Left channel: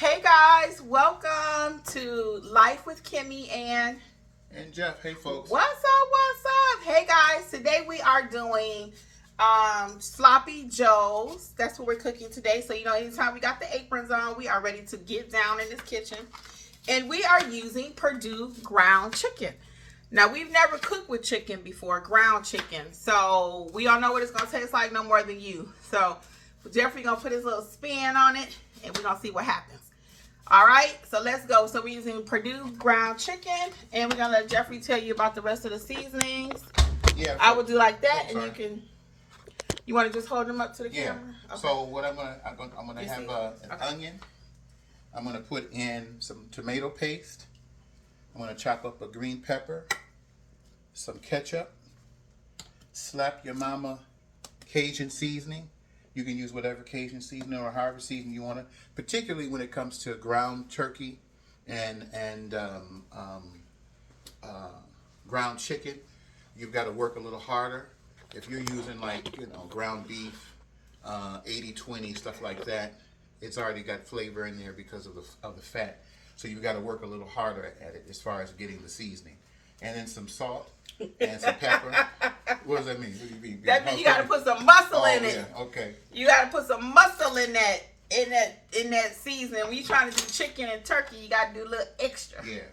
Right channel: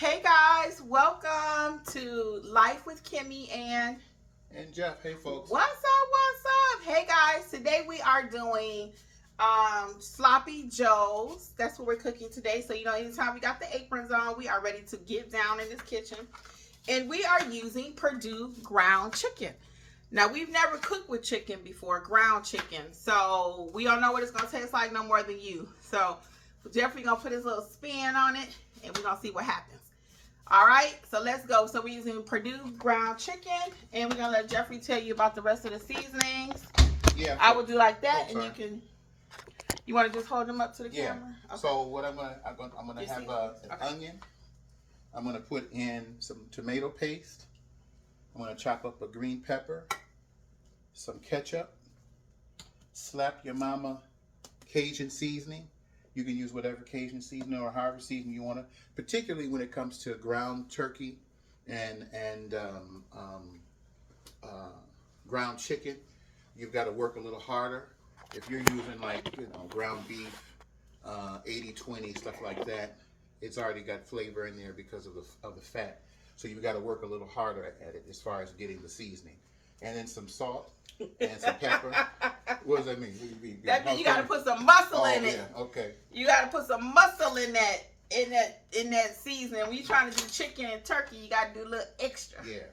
Hey guys, welcome to Life with Kimmi and Jeff. Hey folks. What's up? Hey guys, today we are doing sloppy joes. That's what we're cooking today. So anytime we got the aprons on, we are ready to get down in this kitchen. And we are using Purdue ground chicken. Now, we've never cooked with chicken before, ground chicken. So we don't know what it's gonna taste like no more than you. So Jeffrey gonna put his little spin on it and we're gonna see what happens. All right, so let's go. So we're using Purdue ground chicken, and we're gonna let Jeffrey tell you about the rest of the seasonings. Yeah, I would do like that, and you can. You want to just hold them up to the camera? Okay. So what I'm gonna have an onion. I'm gonna put in some tomato paste. I'm gonna chop up a green pepper, some ketchup, slap your mama Cajun seasoning. You can use whatever Cajun seasoning or however seasoning you want to, particularly when it comes to ground turkey and ground chicken. You've got to work a little harder. If you're using ground beef, 80-20, stuff like that, it's already got flavor in there because of the fat. So you've got to work a little harder at it as far as getting the seasoning. And then some salt and some pepper. What does that mean? What do you mean? That means you gotta put some muscle in it. Yeah, okay. You gotta put some muscle in that seasoning. When you're trying to do chicken and turkey, you gotta do a little extra. Yeah.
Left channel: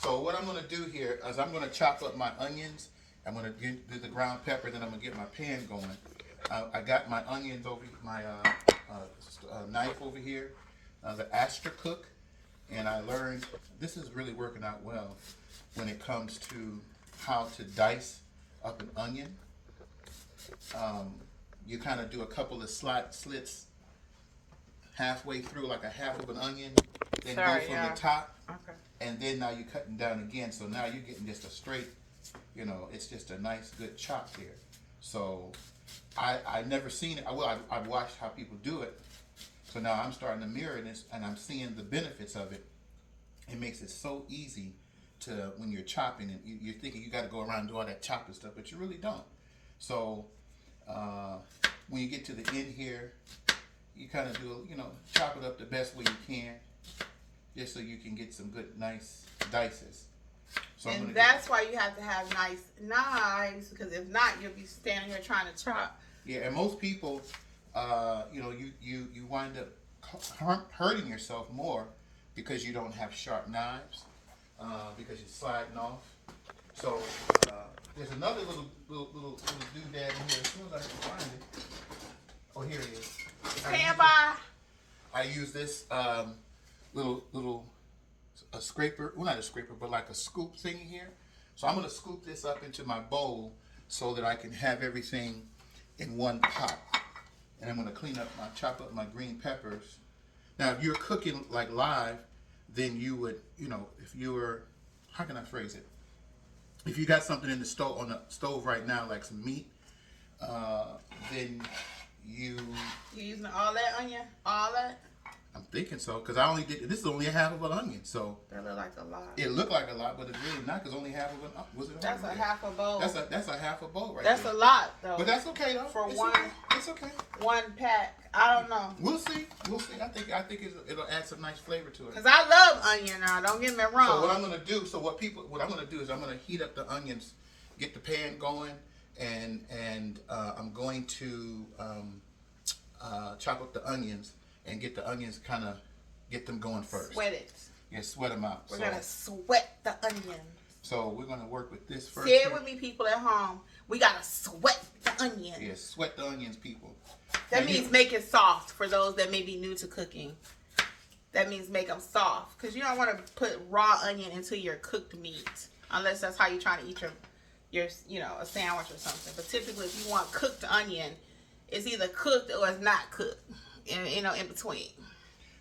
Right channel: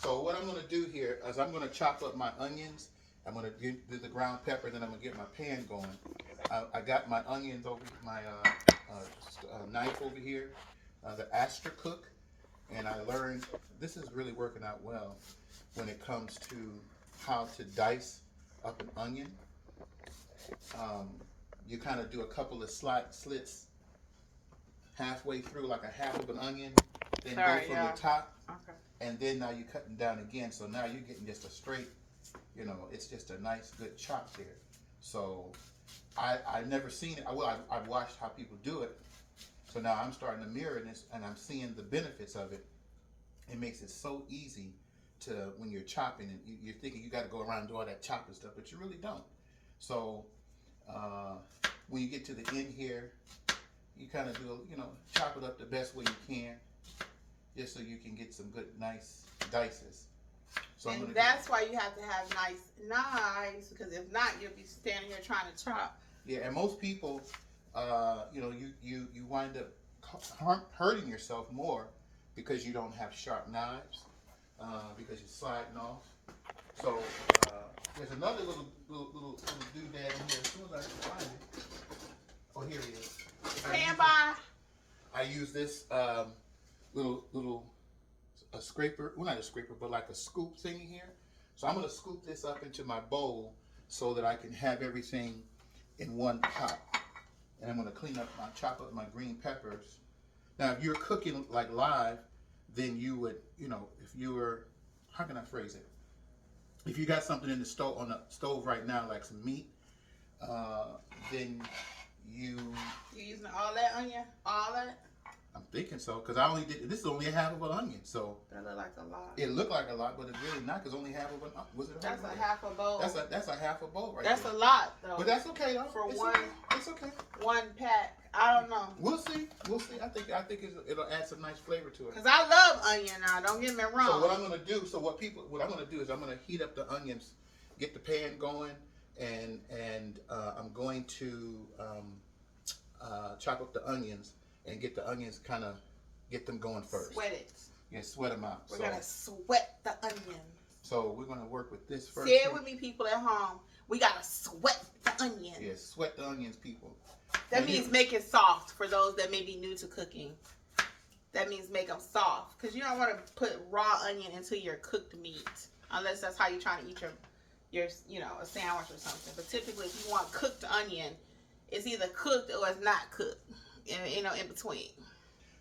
So what I'm gonna do here is I'm gonna chop up my onions. I'm gonna do the ground pepper. Then I'm gonna get my pan going. I got my onions over my knife over here, the Astra Cook, and I learned this is really working out well when it comes to how to dice up an onion. You kind of do a couple of slits halfway through, like a half of an onion, then go from the top, and then now you're cutting down again. So now you're getting just a straight, it's just a nice good chop here. So I've never seen it. I've watched how people do it. So now I'm starting to mirror this, and I'm seeing the benefits of it. It makes it so easy to when you're chopping, and you're thinking you got to go around and do all that chopping stuff, but you really don't. So when you get to the end here, you kind of do, chop it up the best way you can, just so you can get some good, nice dices. So and that's why you have to have nice knives, because if not, you'll be standing here trying to chop. Yeah, and most people, you wind up hurting yourself more because you don't have sharp knives, because you're sliding off. So there's another little doodad in here. As soon as I can find it. Oh, here it is. Stand by. I use this a scraper. Well, not a scraper, but like a scoop thing here. So I'm gonna scoop this up into my bowl so that I can have everything in one pot. And I'm gonna chop up my green peppers. Now, if you're cooking like live, then you would, if you were, how can I phrase it? If you got something in the stove on the stove right now, like some meat, then you using all that onion, all that. I'm thinking so, because I only did this is only a half of an onion, so that looked like a lot. It looked like a lot, but it's really not, because only half of an was it? That's a half a bowl. That's a half a bowl right That's there. a lot though. But that's okay though. For it's one, okay. It's okay. One pack. I don't know. We'll see. I think it'll add some nice flavor to it. Cause I love onion now. Don't get me wrong. So what I'm gonna do is I'm gonna heat up the onions, get the pan going, and I'm going to chop up the onions and get the onions get them going first. Sweat it. Yeah, sweat them out. We're gonna sweat the onions. So we're gonna work with this first. Say it with me, people at home. We gotta sweat the onions. Yeah, sweat the onions, people. That means make it soft for those that may be new to cooking. That means make them soft, because you don't want to put raw onion into your cooked meat unless that's how you're trying to eat your a sandwich or something. But typically, if you want cooked onion, it's either cooked or it's not cooked. In between.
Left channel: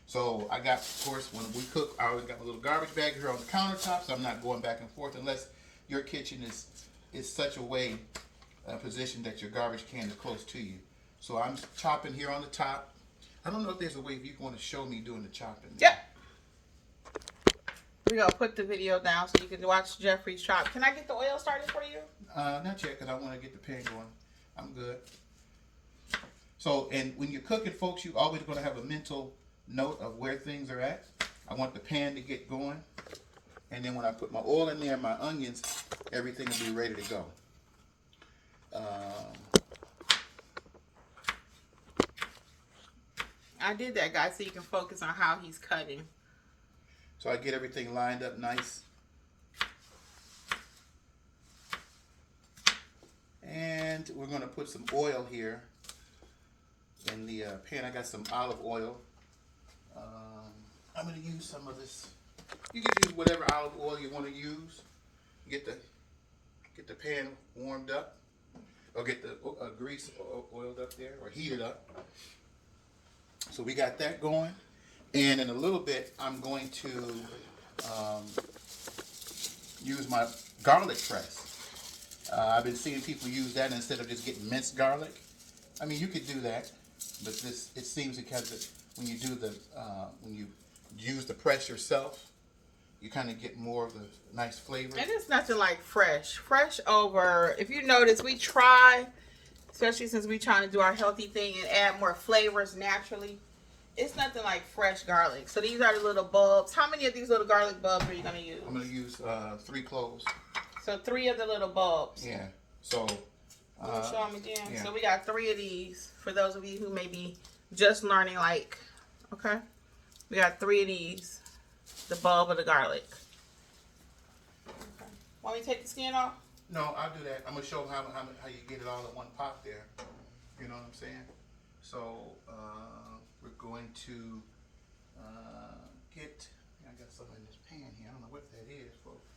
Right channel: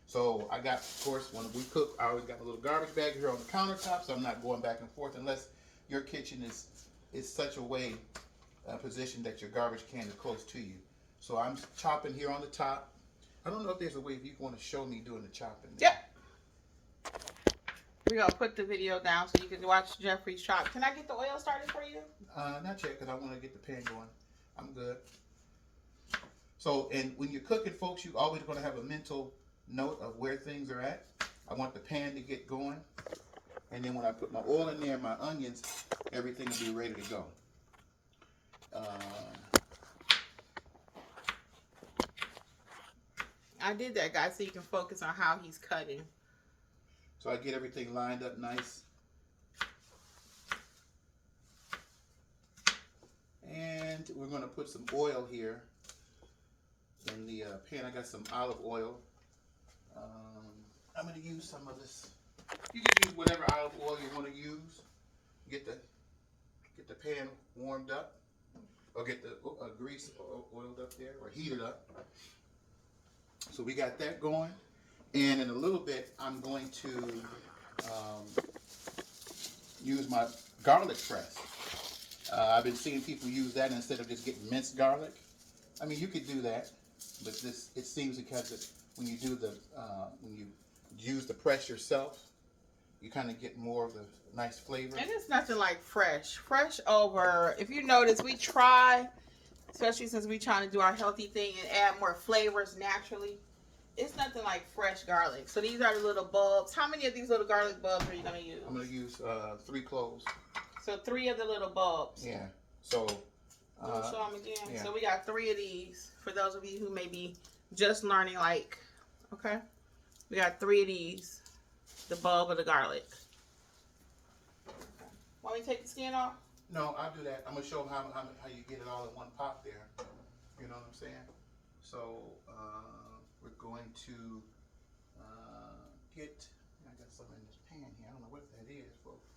So I got, of course, when we cook, I always got my little garbage bag here on the countertop, so I'm not going back and forth unless your kitchen is such a position that your garbage can is close to you. So I'm chopping here on the top. I don't know if there's a way if you want to show me doing the chopping. Yep. We're going to put the video down so you can watch Jeffrey's chop. Can I get the oil started for you? Not yet, because I want to get the pan going. I'm good. So, and when you're cooking, folks, you always going to have a mental note of where things are at. I want the pan to get going. And then when I put my oil in there, my onions, everything will be ready to go. I did that, guys, so you can focus on how he's cutting. So I get everything lined up nice. And we're going to put some oil here in the pan. I got some olive oil. I'm going to use some of this. You can use whatever olive oil you want to use. Get the pan warmed up, or get the grease oiled up there, or heated up. So we got that going, and in a little bit, I'm going to use my garlic press. I've been seeing people use that instead of just getting minced garlic. I mean, you could do that, but it seems because when you do when you use the press yourself, you kind of get more of the nice flavor. And it's nothing like fresh over. If you notice, we try, especially since we're trying to do our healthy thing and add more flavors naturally. It's nothing like fresh garlic. So these are the little bulbs. How many of these little garlic bulbs are you going to use? I'm going to use 3 cloves. So 3 of the little bulbs. Yeah. So show them again. Yeah. So we got 3 of these for those of you who may be just learning, like, okay? We got 3 of these. The bulb of the garlic. Okay. Want me to take the skin off? No, I'll do that. I'm going to show them how you get it all in one pot there. You know what I'm saying? So we're going to get, I got something in this pan here. I don't know what that is, folks.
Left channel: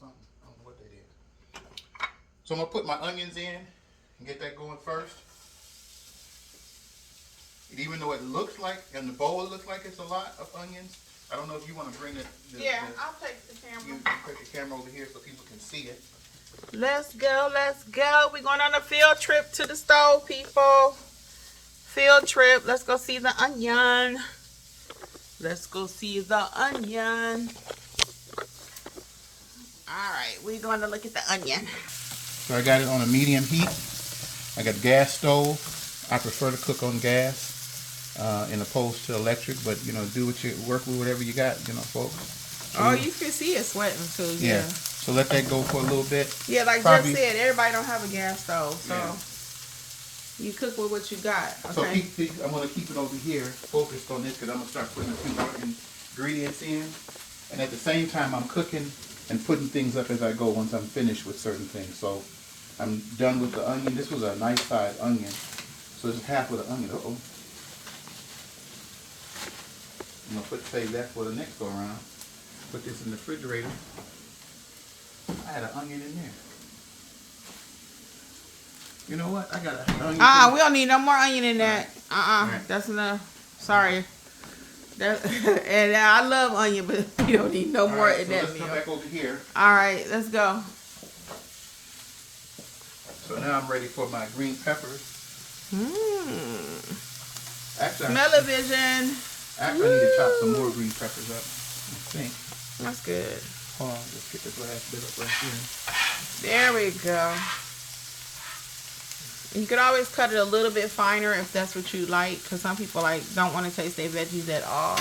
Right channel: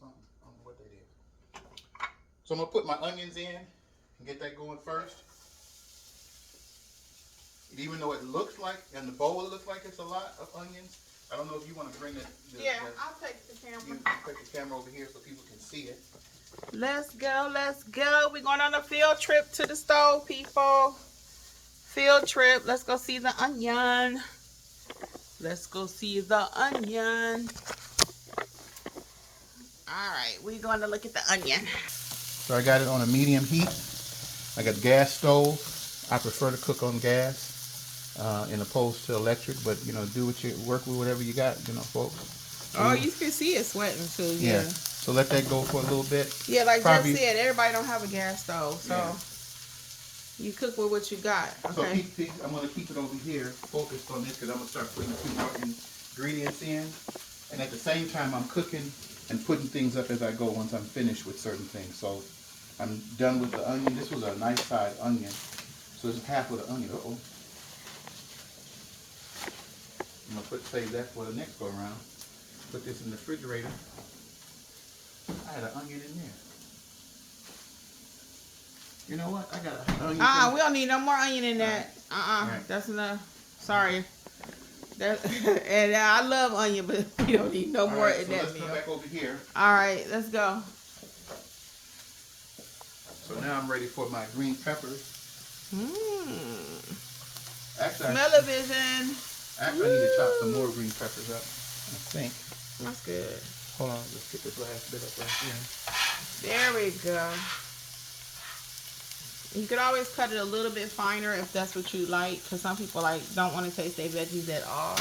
Something. I don't know what that is. So I'm going to put my onions in and get that going first. And even though it looks like, in the bowl it looks like it's a lot of onions, I don't know if you want to bring it. I'll take the camera. You take the camera over here so people can see it. Let's go. We're going on a field trip to the stove, people. Field trip. Let's go see the onion. All right, we're going to look at the onion. So I got it on a medium heat. I got gas stove. I prefer to cook on gas in opposed to electric, but work with whatever you got, folks. Oh, you can see it sweating too. Yeah. So let that go for a little bit. Yeah, like Jeff said, everybody don't have a gas stove, so you cook with what you got. Okay. So I'm going to keep it over here focused on this because I'm going to start putting a few more ingredients in, and at the same time I'm cooking and putting things up as I go once I'm finished with certain things. So I'm done with the onion. This was a nice sized onion. So it's half of the onion. Uh-oh. I'm going to save that for the next go around. Put this in the refrigerator. I had an onion in there. You know what? I got an onion. We don't need no more onion in that. Right. That's enough. Sorry. And I love onion, but you don't need no more in that meal. Let's come back over here. All right, let's go. So now I'm ready for my green peppers. Smell-o-vision. Actually, I need to chop some more green peppers up, I think. That's good. Hold on, let's get this last bit up right here. There we go. You could always cut it a little bit finer if that's what you like, because some people don't want to taste their veggies at all.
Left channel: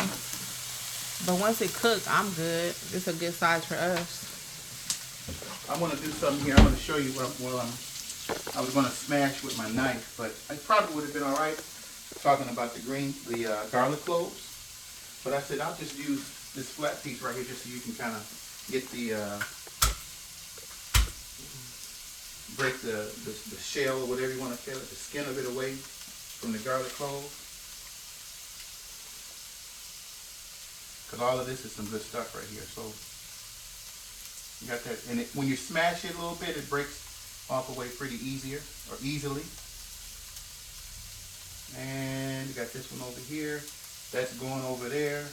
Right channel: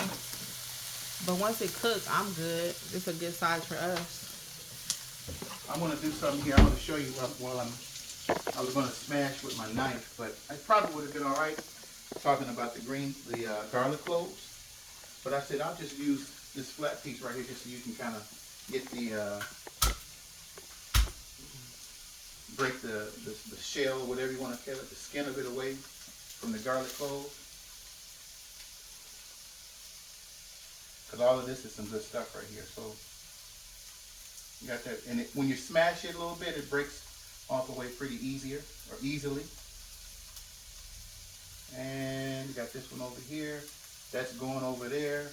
But once it cooks, I'm good. It's a good size for us. I want to do something here. I want to show you what I was going to smash with my knife, but it probably would have been all right talking about the garlic cloves. But I said I'll just use this flat piece right here just so you can kind of get the break the shell or whatever you want to call it, the skin of it away from the garlic cloves. Because all of this is some good stuff right here. So you got that, and when you smash it a little bit, it breaks off away pretty easily. And you got this one over here. That's going over there.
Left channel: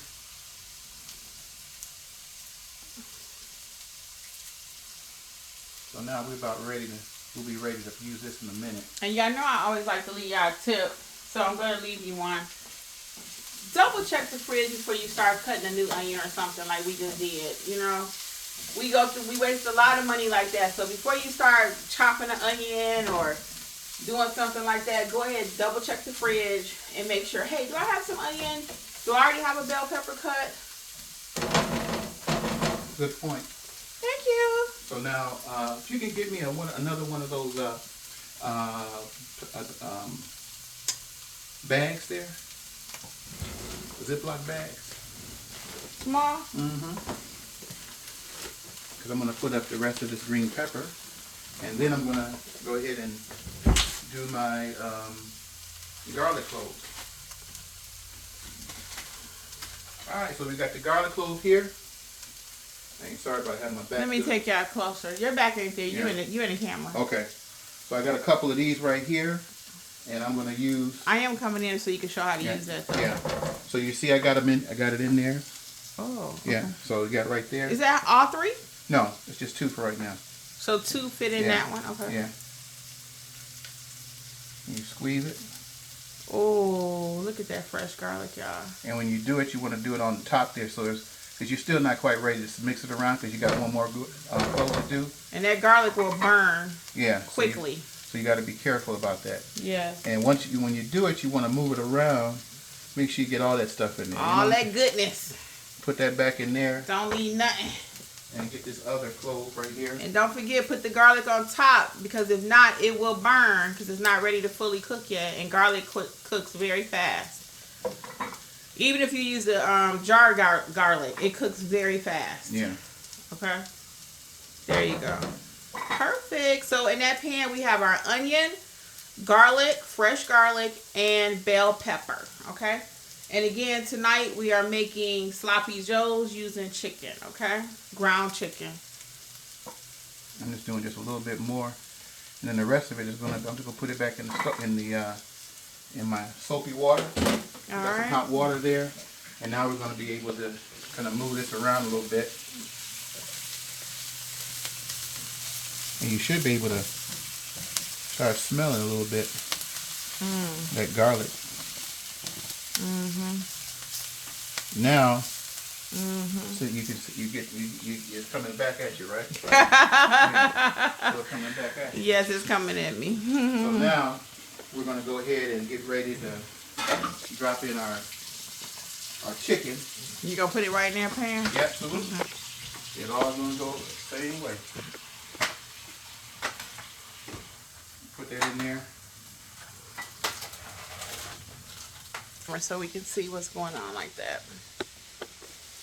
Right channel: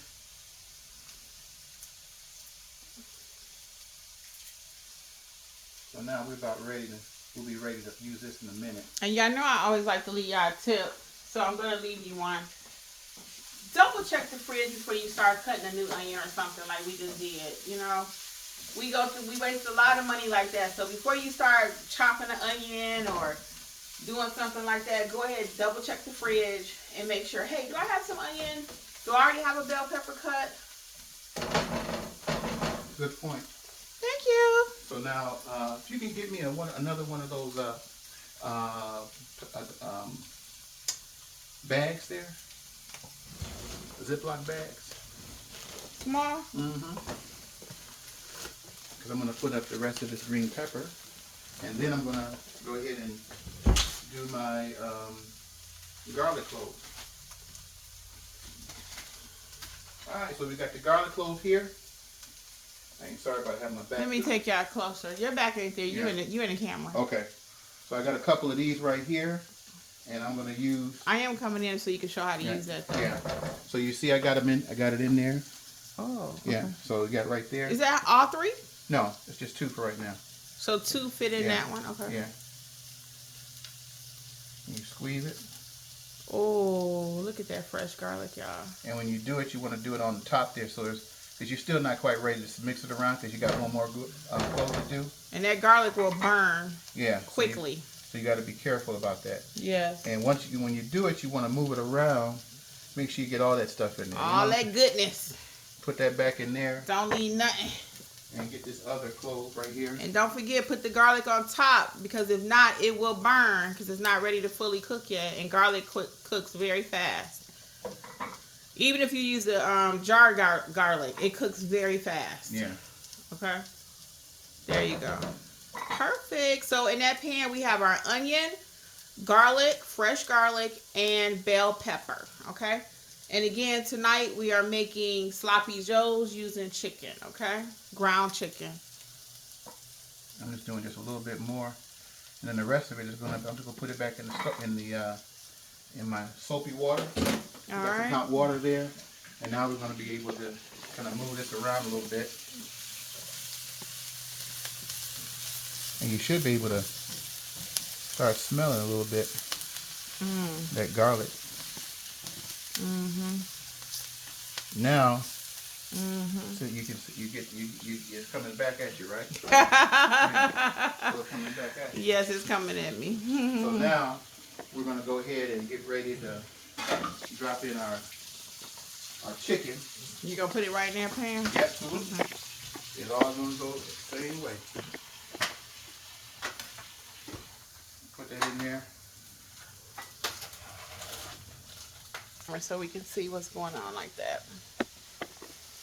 So now we'll be ready to use this in a minute. And y'all know I always like to leave y'all a tip, so I'm going to leave you one. Double check the fridge before you start cutting a new onion or something like we just did, we waste a lot of money like that. So before you start chopping an onion or doing something like that, go ahead, double check the fridge and make sure, hey, do I have some onion? Do I already have a bell pepper cut? Good point. Thank you. So now, if you can get me another one of those bags there, Ziploc bags. Small? Mm-hmm. Because I'm going to put up the rest of this green pepper, and then I'm going to go ahead and do my garlic cloves. All right, so we got the garlic clove here. Sorry about having my back. Let me take y'all closer. Your back ain't there. You in the camera. Okay. So I got a couple of these right here, and I'm gonna use. I am coming in so you can show how to use that. Though. Yeah. So you see, I got them in. I got it in there. Oh. Okay. Yeah. So you got it right there. Is that all three? No, it's just two for right now. So two fit in that one. Okay. Yeah. And you squeeze it. Oh, look at that fresh garlic, y'all. And when you do it, you want to do it on the top there, so there's. Because you're still not quite ready to mix it around because you got one more clove to do. And that garlic will burn quickly. So you got to be careful about that. Yes. And when you do it, you want to move it around. Make sure you get all that stuff in there. All that goodness. Put that back in there. Don't leave nothing. And get this other clove right here. And don't forget, put the garlic on top because if not, it will burn because it's not ready to fully cook yet. And garlic cooks very fast. Even if you use the jar garlic, it cooks very fast. Yeah. Okay. There you go. Perfect. So in that pan, we have our onion, garlic, fresh garlic, and bell pepper. Okay. And again, tonight we are making sloppy joes using chicken. Okay. Ground chicken. I'm just doing just a little bit more, and then the rest of it is I'm just gonna put it back in my soapy water. All got some hot water there, and now we're going to be able to kind of move this around a little bit. And you should be able to start smelling a little bit that garlic. Mm-hmm. Now, so it's coming back at you, right? Still coming back at you. Yes, it's coming at me. So now we're going to go ahead and get ready to drop in our chicken. You gonna put it right in there, pan? Yep, absolutely. It's all gonna go the same way. Put that in there. So we can see what's going on like that.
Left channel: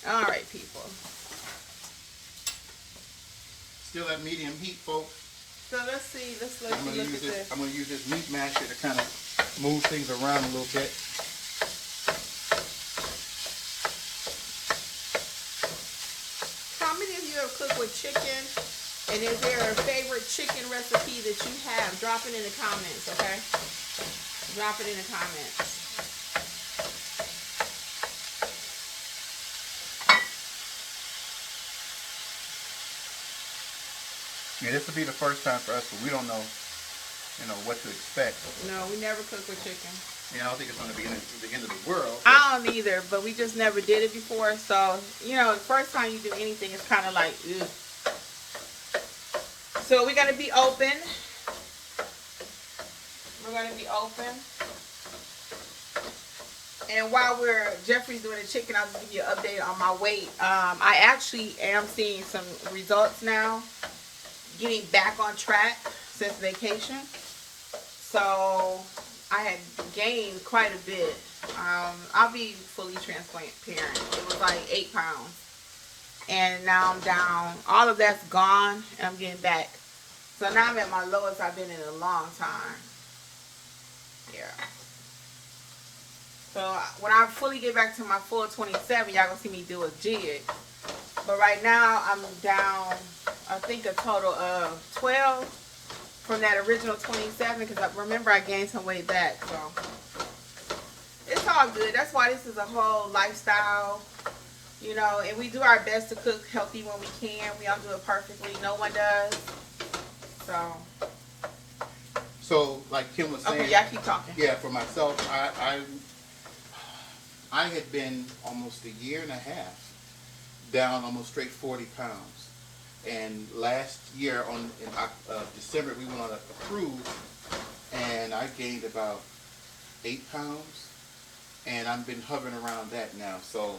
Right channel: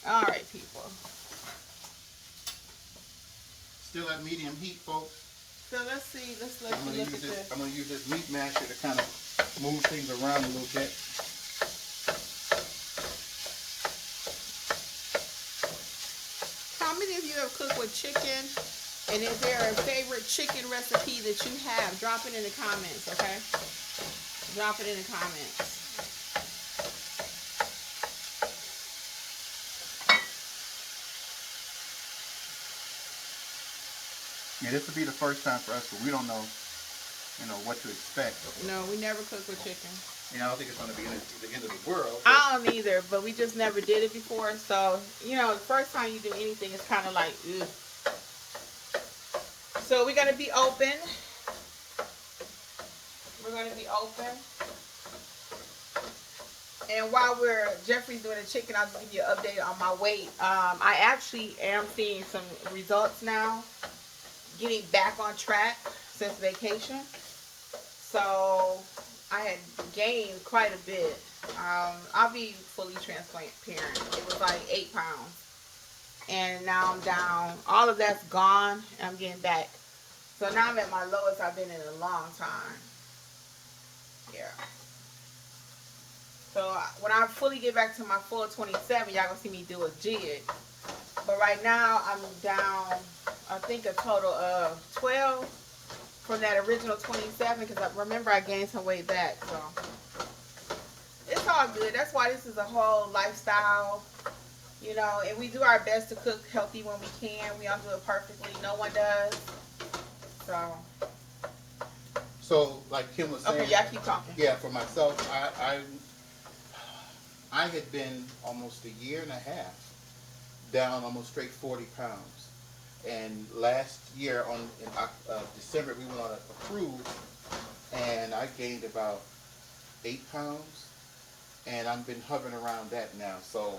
All right, people. Still at medium heat, folks. So let's see. I'm gonna use this meat masher to kind of move things around a little bit. How many of you have cooked with chicken? And is there a favorite chicken recipe that you have? Drop it in the comments, okay? Drop it in the comments. Yeah, this will be the first time for us, but we don't know, what to expect. No, we never cook with chicken. I don't think it's going to be the end of the world. I don't either, but we just never did it before. So, the first time you do anything, it's kind of like, ugh. So we're going to be open. And while Jeffrey's doing the chicken, I'll just give you an update on my weight. I actually am seeing some results now. Getting back on track since vacation. So I had gained quite a bit. I'll be fully transparent. It was like 8 pounds. And now I'm down. All of that's gone. And I'm getting back. So now I'm at my lowest I've been in a long time. Yeah. So when I fully get back to my full 27, y'all gonna see me do a jig. But right now I'm down, I think a total of 12 from that original 27 because remember I gained some weight back. So it's all good. That's why this is a whole lifestyle, and we do our best to cook healthy when we can. We don't do it perfectly. No one does. So like Kim was saying. Okay, y'all keep talking. Yeah, for myself, I had been almost a year and a half down almost straight 40 pounds. And last year in December, we went on a cruise, and I gained about 8 pounds, and I've been hovering around that now. So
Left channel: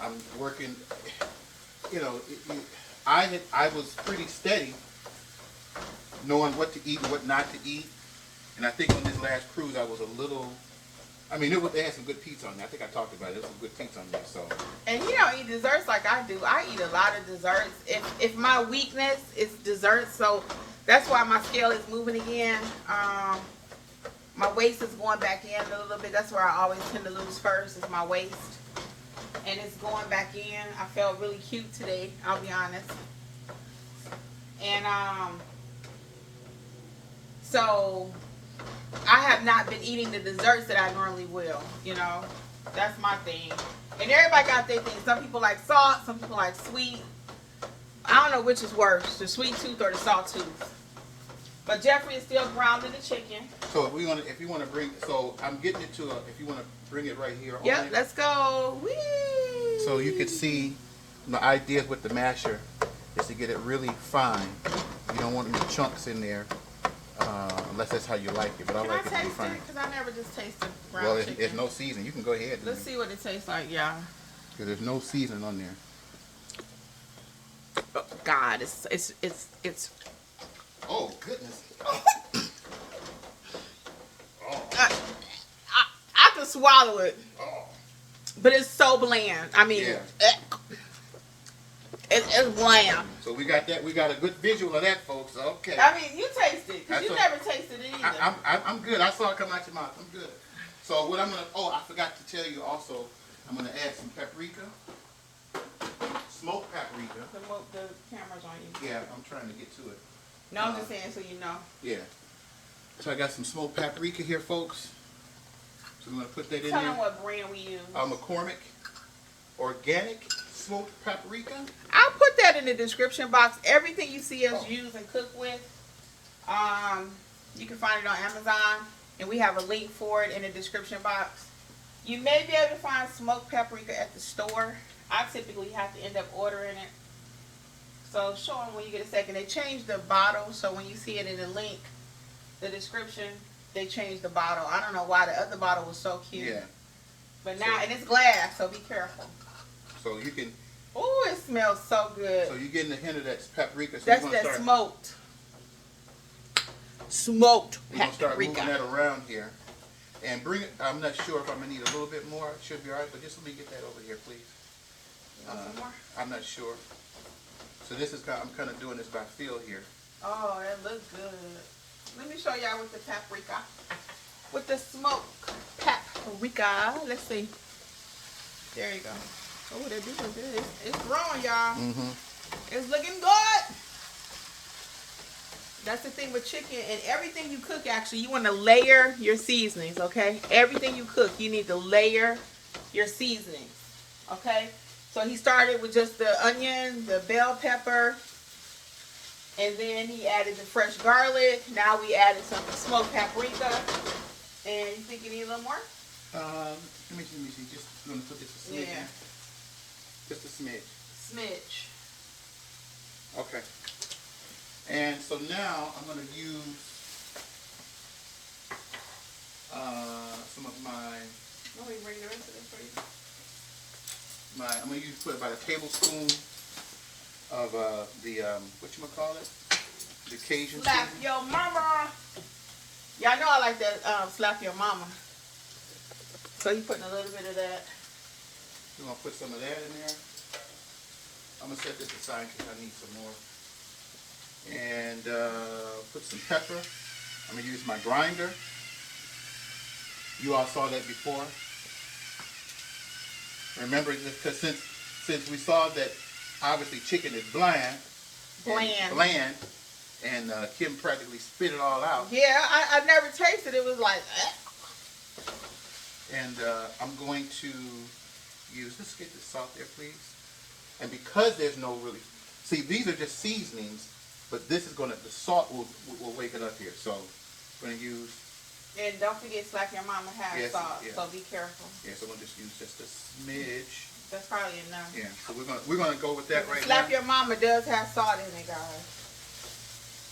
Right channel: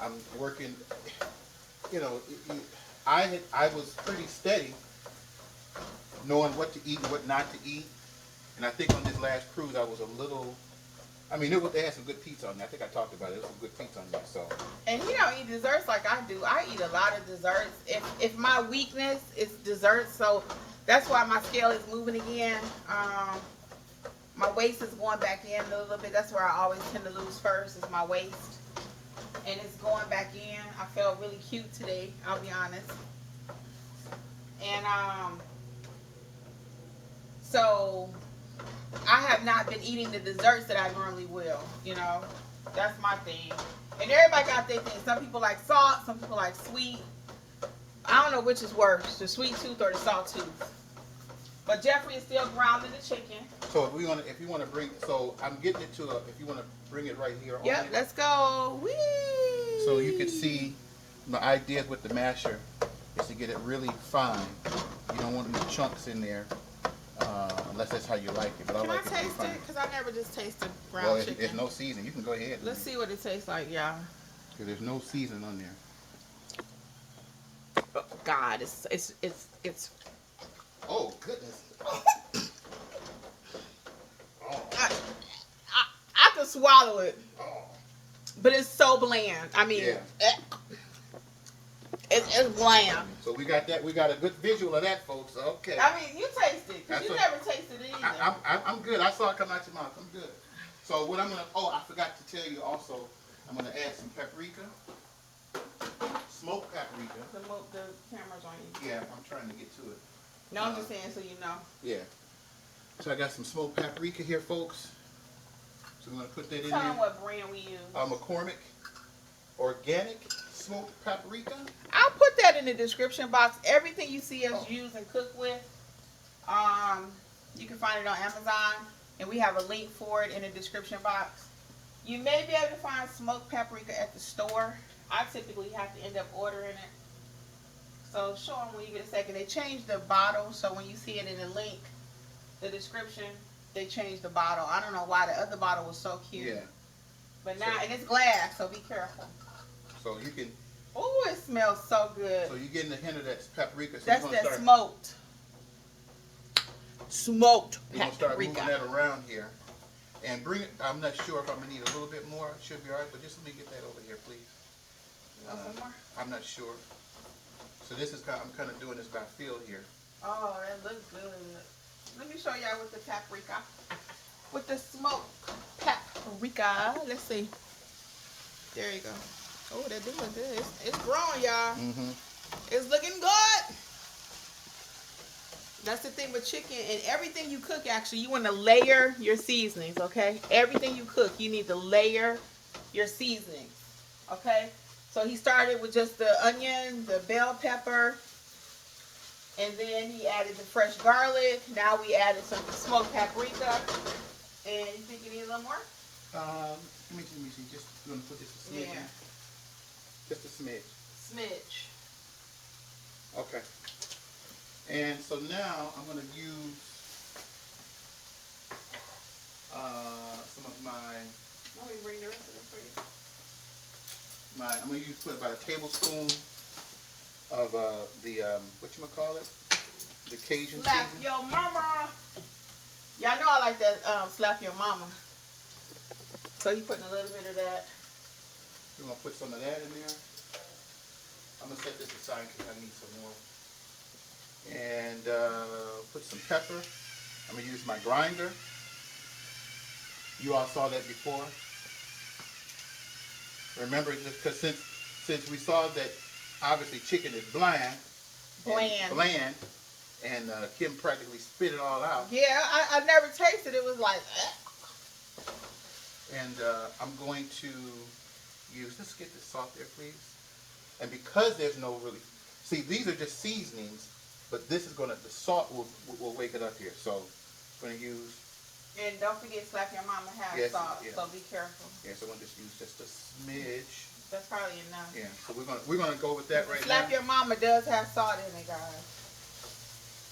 I'm working. You know, I was pretty steady, knowing what to eat and what not to eat. And I think on this last cruise, I was a little. I mean, they had some good pizza on there. I think I talked about it. There was some good pizza on there. So. And you don't eat desserts like I do. I eat a lot of desserts. If my weakness is desserts, so that's why my scale is moving again. My waist is going back in a little bit. That's where I always tend to lose first, is my waist. And it's going back in. I felt really cute today, I'll be honest. And so I have not been eating the desserts that I normally will, you know. That's my thing. And everybody got their thing. Some people like salt, some people like sweet. I don't know which is worse, the sweet tooth or the salt tooth. But Jeffrey is still grounding the chicken. So if you want to bring, so I'm getting it to if you want to bring it right here. Yep, let's go. Whee! So you can see the idea with the masher is to get it really fine. You don't want any chunks in there, unless that's how you like it. But I like it to be fine. Because I never just tasted ground Well, chicken. there's no seasoning. You can go ahead. Let's see what it tastes like, y'all. Because there's no seasoning on there. Oh, God, it's. Oh goodness. I can swallow it, Oh. but it's so bland. I mean, Yeah. it's bland. So we got that. We got a good visual of that, folks. Okay. I mean, you taste it, because you That's never tasted it either. I'm good. I saw it come out your mouth. I'm good. So what I'm gonna. Oh, I forgot to tell you also. I'm gonna add some paprika, smoked paprika. The camera's on you. Yeah, I'm trying to get to it. No, I'm just saying so you know. Yeah. So I got some smoked paprika here, folks. So I'm gonna put that in Tell there. them what brand we use. McCormick organic smoked paprika. I'll put that in the description box. Everything you see us use and cook with, you can find it on Amazon, and we have a link for it in the description box. You may be able to find smoked paprika at the store. I typically have to end up ordering it. So show them when you get a second. They changed the bottle, so when you see it in the link, the description, they changed the bottle. I don't know why. The other bottle was so cute. Yeah. But now, and it's glass, so be careful. So you can. Oh, it smells so good. So you're getting a hint of that paprika. So That's that smoked We're gonna start moving paprika. that around here, and bring it. I'm not sure if I'm gonna need a little bit more. It should be all right, but just let me get that over here, please. More? I'm not sure. So this is I'm kind of doing this by feel here. Oh, that looks good. Let me show y'all with the paprika. With the smoked paprika. Let's see. There you go. Oh, that looking good. It's growing, y'all. Mm-hmm. It's looking good. That's the thing with chicken and everything you cook. Actually, you want to layer your seasonings. Okay, everything you cook, you need to layer your seasonings. Okay. So he started with just the onion, the bell pepper, and then he added the fresh garlic. Now we added some smoked paprika. And you think you need a little more? Let me see. Just gonna put this a smidge. Yeah. Just a smidge. Smidge. Okay. And so now I'm gonna use some of my. Let me bring the rest of it for you. I'm gonna use put about a tablespoon of the Cajun Slap seasoning. your mama. Y'all know I like that slap your mama. So you putting a little bit of that. We're gonna put some of that in there. I'm gonna set this aside because I need some more. And put some pepper. I'm gonna use my grinder. You all saw that before. Remember, because since we saw that obviously chicken is bland, and Kim practically spit it all out. Yeah, I never tasted it. It was like, And I'm going to use, let's get the salt there, please. And because there's no really, see, these are just seasonings, but this is the salt will wake it up here. So I'm going to use. and don't forget slap your mama has salt, so be careful. Yeah, so I'm going to just use just a smidge. That's probably enough. Yeah, so we're gonna go with that right now. Slap your mama does have salt in it, guys.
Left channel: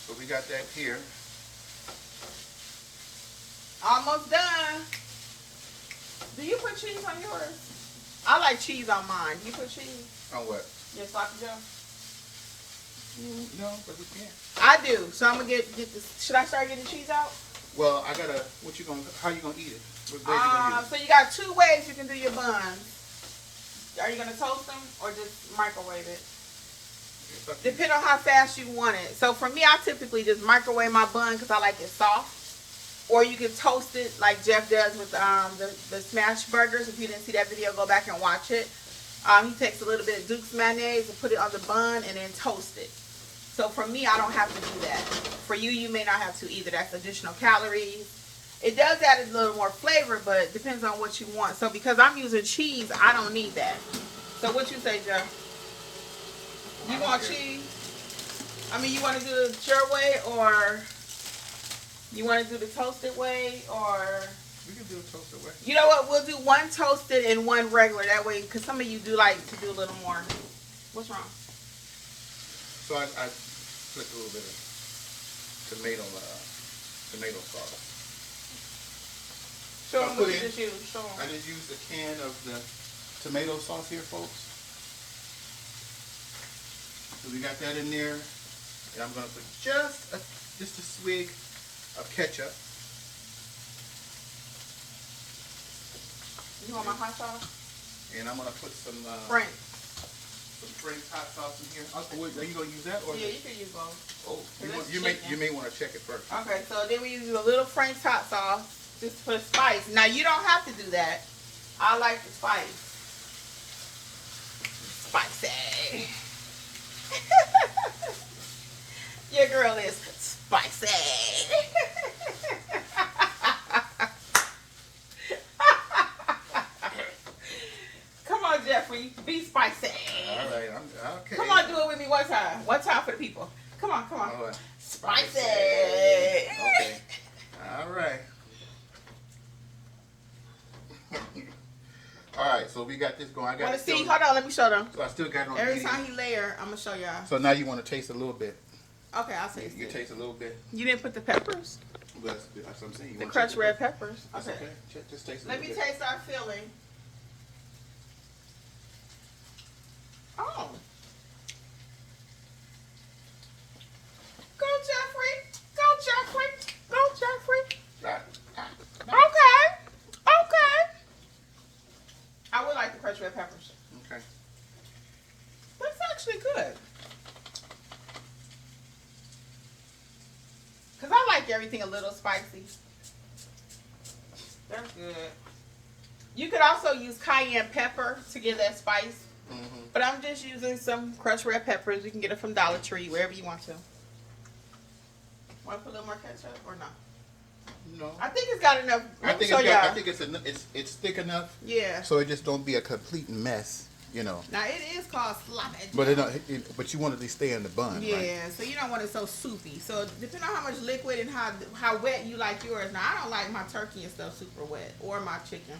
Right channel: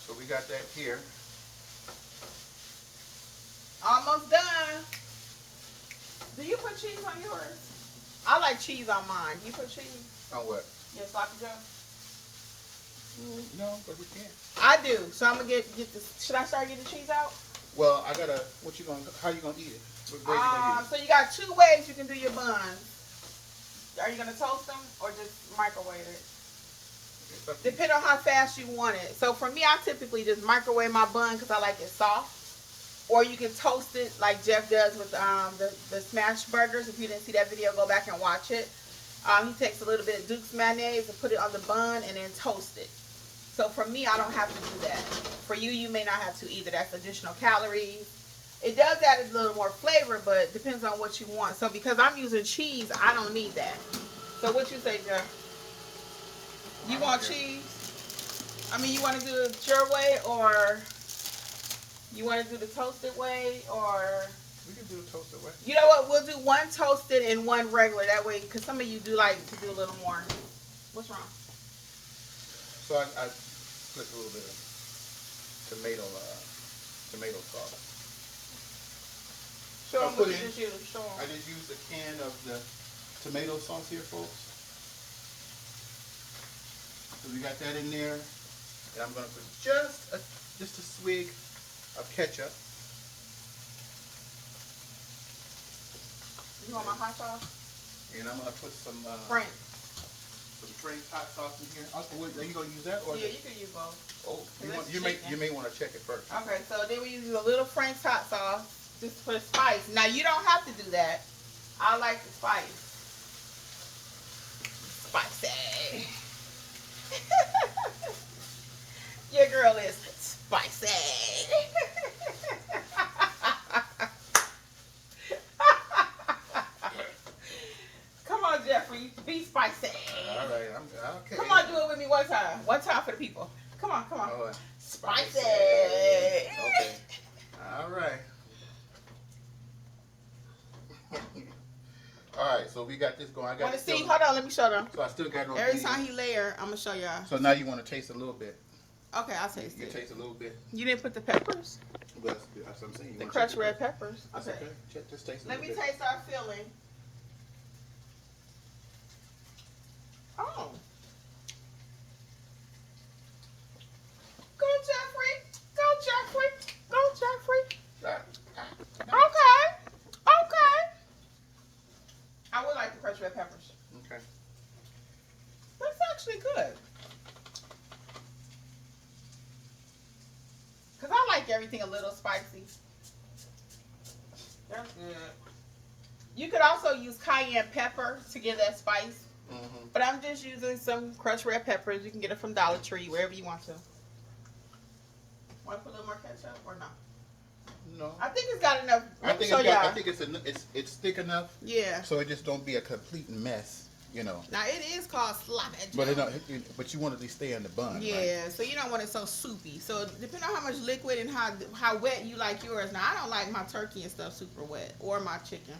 So we got that here. Almost done. Do you put cheese on yours? I like cheese on mine. You put cheese? On what? Your sloppy joe? No, but we can't. I do. So I'm gonna get this. Should I start getting cheese out? Well, I gotta. How you gonna eat it? What way you gonna use it? So you got 2 ways you can do your buns. Are you gonna toast them or just microwave it? Depending on how fast you want it. So for me, I typically just microwave my bun because I like it soft. Or you can toast it like Jeff does with the smash burgers. If you didn't see that video, go back and watch it. He takes a little bit of Duke's mayonnaise and put it on the bun and then toast it. So for me, I don't have to do that. For you, you may not have to either. That's additional calories. It does add a little more flavor, but it depends on what you want. So because I'm using cheese, I don't need that. So what you say, Jeff? You want cheese? I mean, you want to do it your way, or you want to do the toasted way, or? We can do a toasted way. You know what? We'll do one toasted and one regular. That way, because some of you do like to do a little more. What's wrong? So I put a little bit of tomato sauce. Show them what you just used. Show them. I just used a can of the tomato sauce here, folks. So we got that in there, and I'm gonna put just a swig of ketchup. You want my hot sauce? And I'm gonna put some Frank's hot sauce in here. Are you gonna use that or? Yeah, you can use both. Oh, you may want to check it first. Okay, so then we use a little Frank's hot sauce just for spice. Now you don't have to do that. I like the spice. Spicy. Your girl is spicy. Come on, Jeffrey, be spicy. All right, I'm okay. Come on, do it with me one time. One time for the people. Come on, come on. All right. Spicy. Okay. All right. All right, so we got this going. I got. Want to see? Hold on, let me show them. So I still got it on. Every time he layer, I'm gonna show y'all. So now you want to taste a little bit. Okay, I'll taste You it. taste a little bit. You didn't put the peppers? But that's what I'm saying. You The want crushed red peppers? That's Okay. okay. Just taste a Let little me bit. taste our filling. Oh. Go, Jeffrey. Go, Jeffrey. Go, Jeffrey. Okay. Okay. I would like the crushed red peppers. Okay. That's actually good. Because I like everything a little spicy. That's good. You could also use cayenne pepper to give that spice. Mm-hmm. But I'm just using some crushed red peppers. You can get it from Dollar Tree, wherever you want to. Want to put a little more ketchup or no? No. I think it's got enough. I think it's thick enough. Yeah. So it just don't be a complete mess, you know. Now it is called sloppy. But but you want it to stay in the bun, yeah, right? so you don't want it so soupy. So depending on how much liquid and how wet you like yours. Now I don't like my turkey and stuff super wet, or my chicken.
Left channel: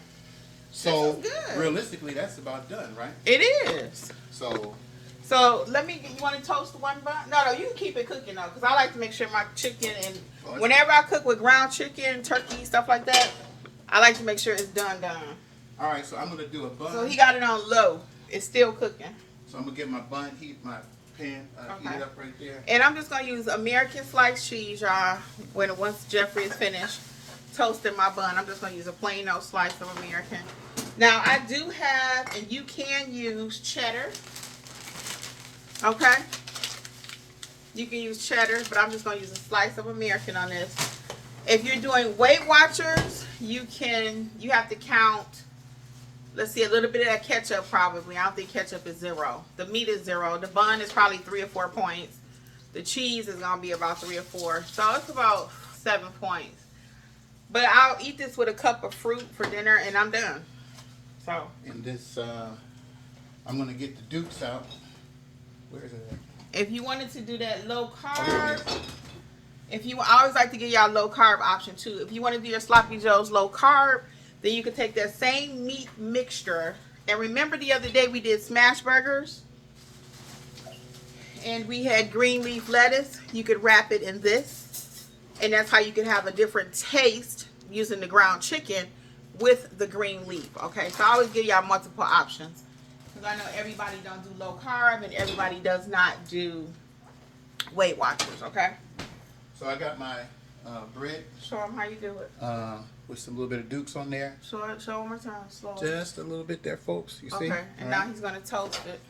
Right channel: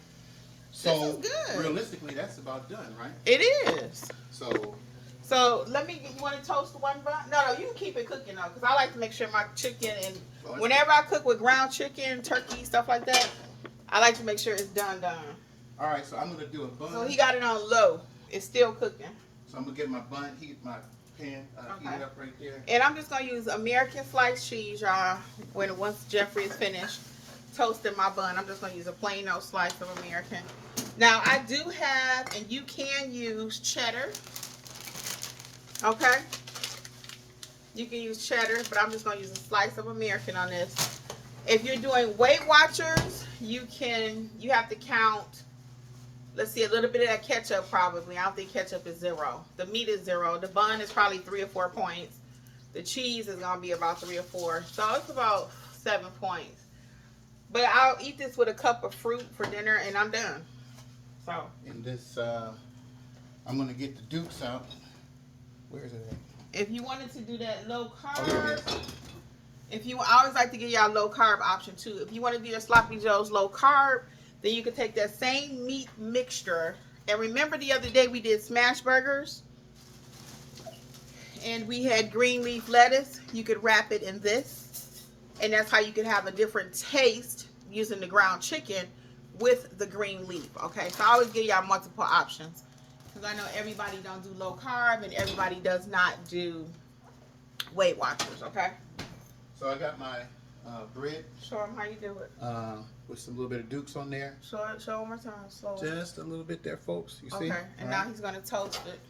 So this is good. Realistically, that's about done, right? It is. So let me. You want to toast one bun? No, you can keep it cooking though, because I like to make sure my chicken and whenever I cook with ground chicken, turkey, stuff like that, I like to make sure it's done. All right, so I'm gonna do a bun. So he got it on low. It's still cooking. So I'm gonna get my bun heat up right there. And I'm just gonna use American sliced cheese, y'all. Once Jeffrey is finished toasting my bun, I'm just gonna use a plain old slice of American. Now I do have, and you can use cheddar. Okay. You can use cheddar, but I'm just gonna use a slice of American on this. If you're doing Weight Watchers, you have to count. Let's see, a little bit of that ketchup probably. I don't think ketchup is 0. The meat is 0. The bun is probably 3 or 4 points. The cheese is gonna be about 3 or 4. So it's about 7 points. But I'll eat this with a cup of fruit for dinner and I'm done. So. And this, I'm gonna get the Dukes out. Where is it at? If you wanted to do that low carb, Oh, yeah. I always like to give y'all low carb option too. If you want to do your sloppy joes low carb, then you can take that same meat mixture. And remember the other day we did smash burgers and we had green leaf lettuce. You could wrap it in this, and that's how you can have a different taste using the ground chicken with the green leaf. Okay, so I always give y'all multiple options because I know everybody don't do low carb and everybody does not do Weight Watchers. Okay, so I got my bread. Show them how you do it. With some little bit of Dukes on there. Show one more time, slow. Just a little bit there, folks. You see? Okay, and now he's gonna toast it.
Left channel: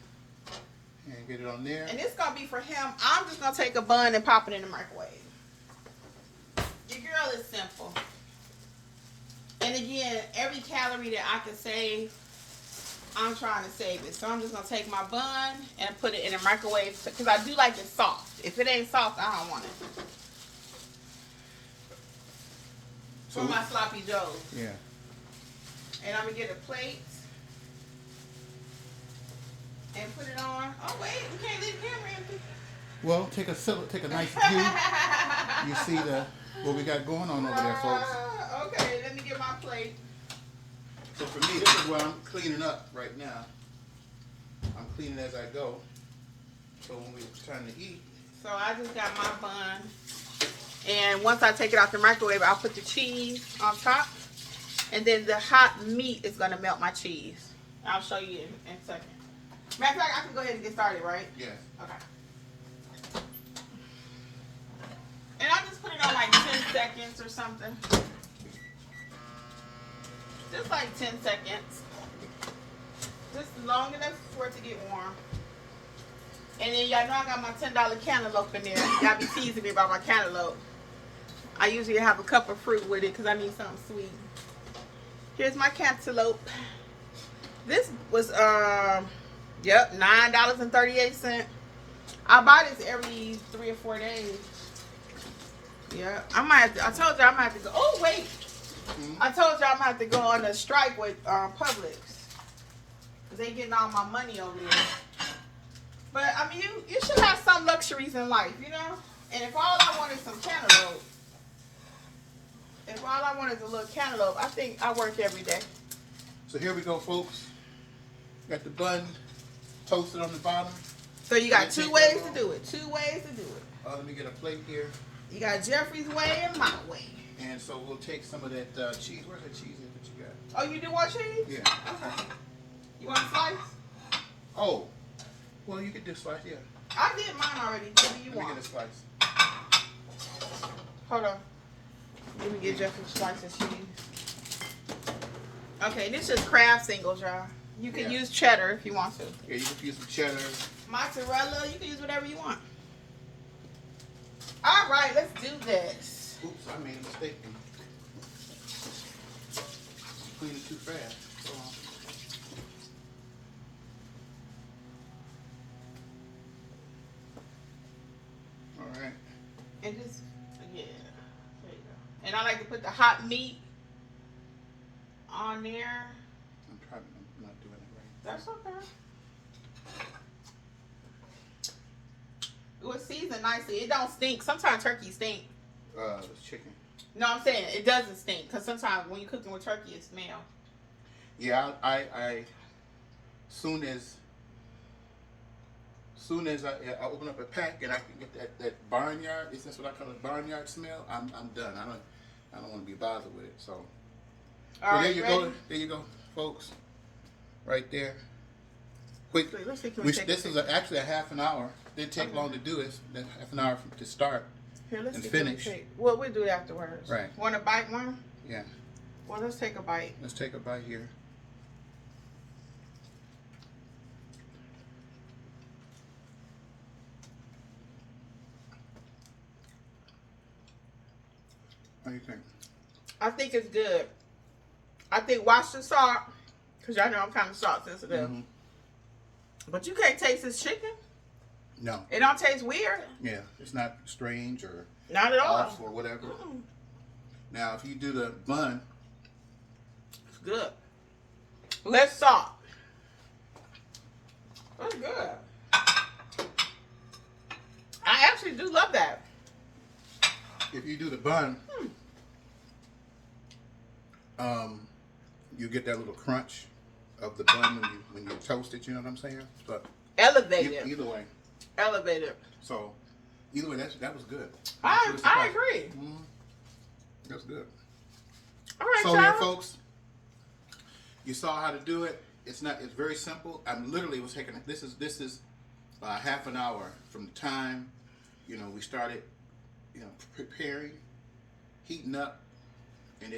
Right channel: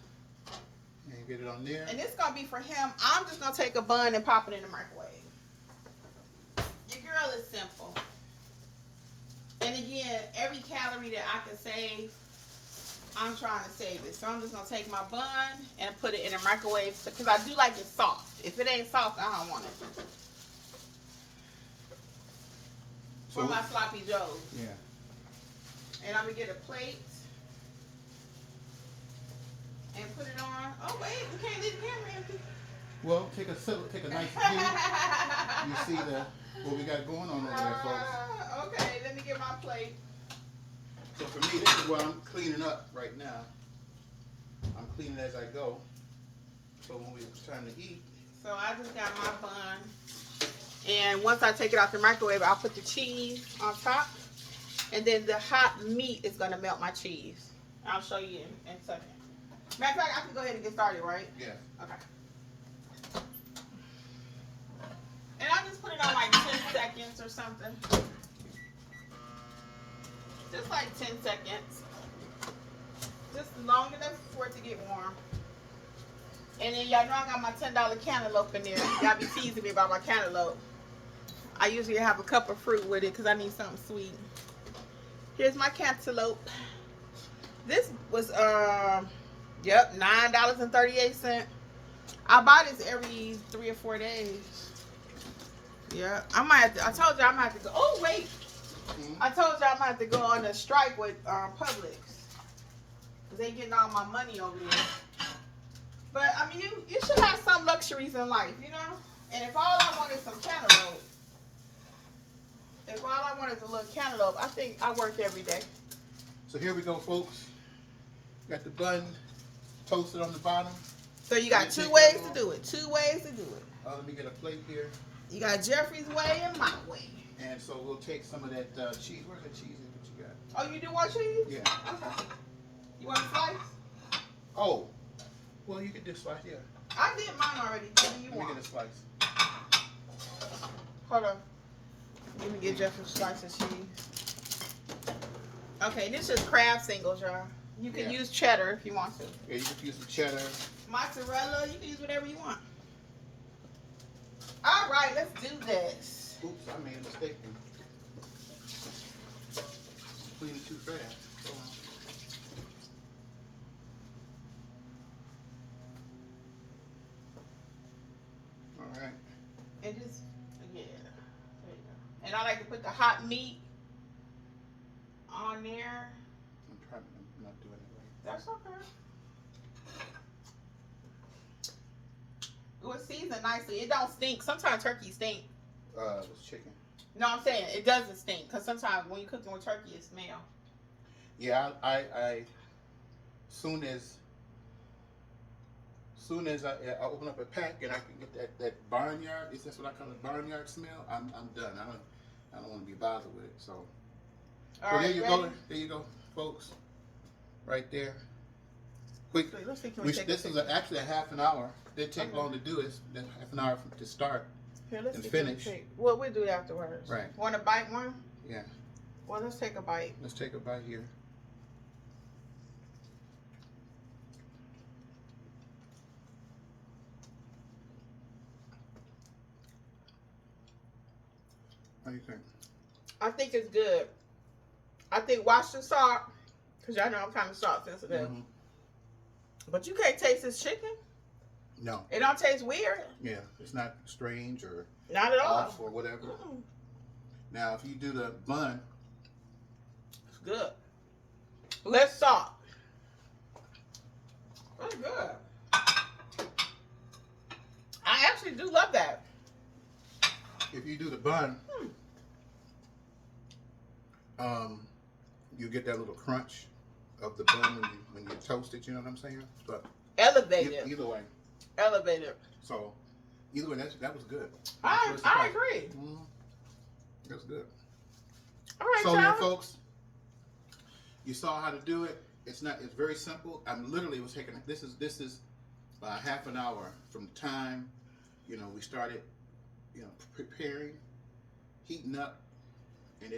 And get it on there. And it's gonna be for him. I'm just gonna take a bun and pop it in the microwave. Your girl is simple. And again, every calorie that I can save, I'm trying to save it. So I'm just gonna take my bun and put it in the microwave because I do like it soft. If it ain't soft, I don't want it. For my sloppy joes. Yeah. And I'm gonna get a plate and put it on. Oh wait, we can't leave the camera empty. Well, take a nice view. You see what we got going on over there, folks. Okay, let me get my plate. So for me, this is what I'm cleaning up right now. I'm cleaning as I go. So when it's time to eat. So I just got my bun. And once I take it out the microwave, I'll put the cheese on top. And then the hot meat is going to melt my cheese. I'll show you in a second. Matter of fact, I can go ahead and get started, right? Yeah. Okay. And I just put it on like 10 seconds or something. Just like 10 seconds. Just long enough for it to get warm. And then y'all know I got my $10 cantaloupe in there. Y'all be teasing me about my cantaloupe. I usually have a cup of fruit with it because I need something sweet. Here's my cantaloupe. This was yep, $9.38. I buy this every 3 or 4 days. Yeah, I might have to, I told you I might have to go. Oh wait, I told you I might have to go on a strike with Publix. They getting all my money over there. But I mean, you should have some luxuries in life, you know. And if all I want is some cantaloupe, if all I want is a little cantaloupe, I think I work every day. So here we go, folks. Got the bun toasted on the bottom. So you got 2 ways to do it. 2 ways to do it. Let me get a plate here. You got Jeffrey's way and my way. And so we'll take some of that cheese. Where's the cheese that you got? Oh, you do want cheese? Yeah. Okay. You want a slice? Oh. Well, you could do slice, yeah. I did mine already. What do you want? Let me get a slice. Hold on. Let me get Jeffrey a slice of cheese. Okay, this is Kraft singles, y'all. You can use cheddar if you want to. Yeah, you can use some cheddar. Mozzarella, you can use whatever you want. All right, let's do this. Oops, I made a mistake. Cleaned it too fast. All right. And just, yeah, there you go. And I like to put the hot meat on there. I'm not doing it right. That's okay. It was seasoned nicely. It don't stink. Sometimes turkey stink. It's chicken. No, I'm saying it doesn't stink because sometimes when you're cooking with turkey, it smells. Yeah, I soon as I open up a pack and I can get that barnyard, is this what I call it, barnyard smell? I'm done. I don't want to be bothered with it. So, All right, there you ready? go. There you go, folks. Right there. Quick. Let's see, This is actually a half an hour. It take long to do it. Half an hour to start. Here, let's and see, finish. Well, we'll do it afterwards. Right. Want to bite one? Yeah. Well, let's take a bite. Let's take a bite here. What do you think? I think it's good. I think watch the salt, because y'all know I'm kind of salt sensitive. Mm-hmm. But you can't taste this chicken. No. It don't taste weird. Yeah, it's not strange or Not at all. off or whatever. Mm-mm. Now, if you do the bun, It's good. Less salt. That's good. I actually do love that. if you do the bun, you get that little crunch of the bun when you toast it. You know what I'm saying? But Elevated. either way. Elevated. So either way, that was good. I agree. That's good. All right, so y'all. yeah, folks, you saw how to do it. It's very simple. I'm literally was taking this is half an hour from the time we started preparing, heating up, and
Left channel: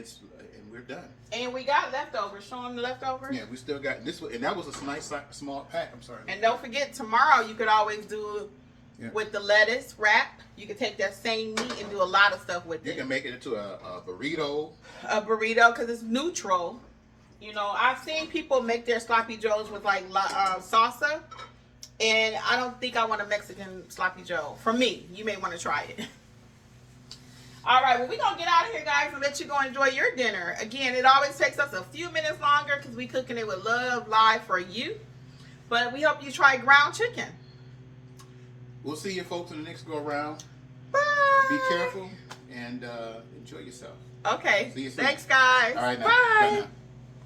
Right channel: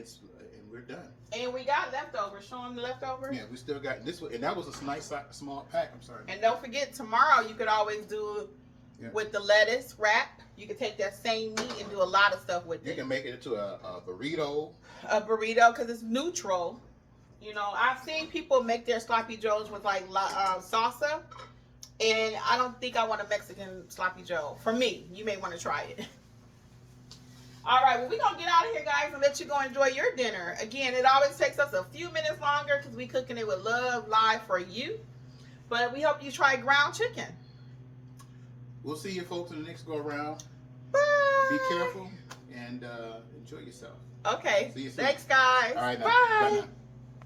we're done. And we got leftovers. Show them the leftovers. Yeah, we still got this one, and that was a nice small pack. I'm sorry. And don't forget, tomorrow you could always do with the lettuce wrap. You could take that same meat and do a lot of stuff with it. You can make it into a burrito. A burrito, because it's neutral. I've seen people make their sloppy joes with like salsa, and I don't think I want a Mexican sloppy joe. For me, you may want to try it. All right, well, we're going to get out of here, guys, and let you go enjoy your dinner. Again, it always takes us a few minutes longer because we're cooking it with love live for you. But we hope you try ground chicken. We'll see you folks in the next go around. Bye. Be careful and enjoy yourself. Okay. See you soon. Thanks, guys. All right, now. Bye. Bye now.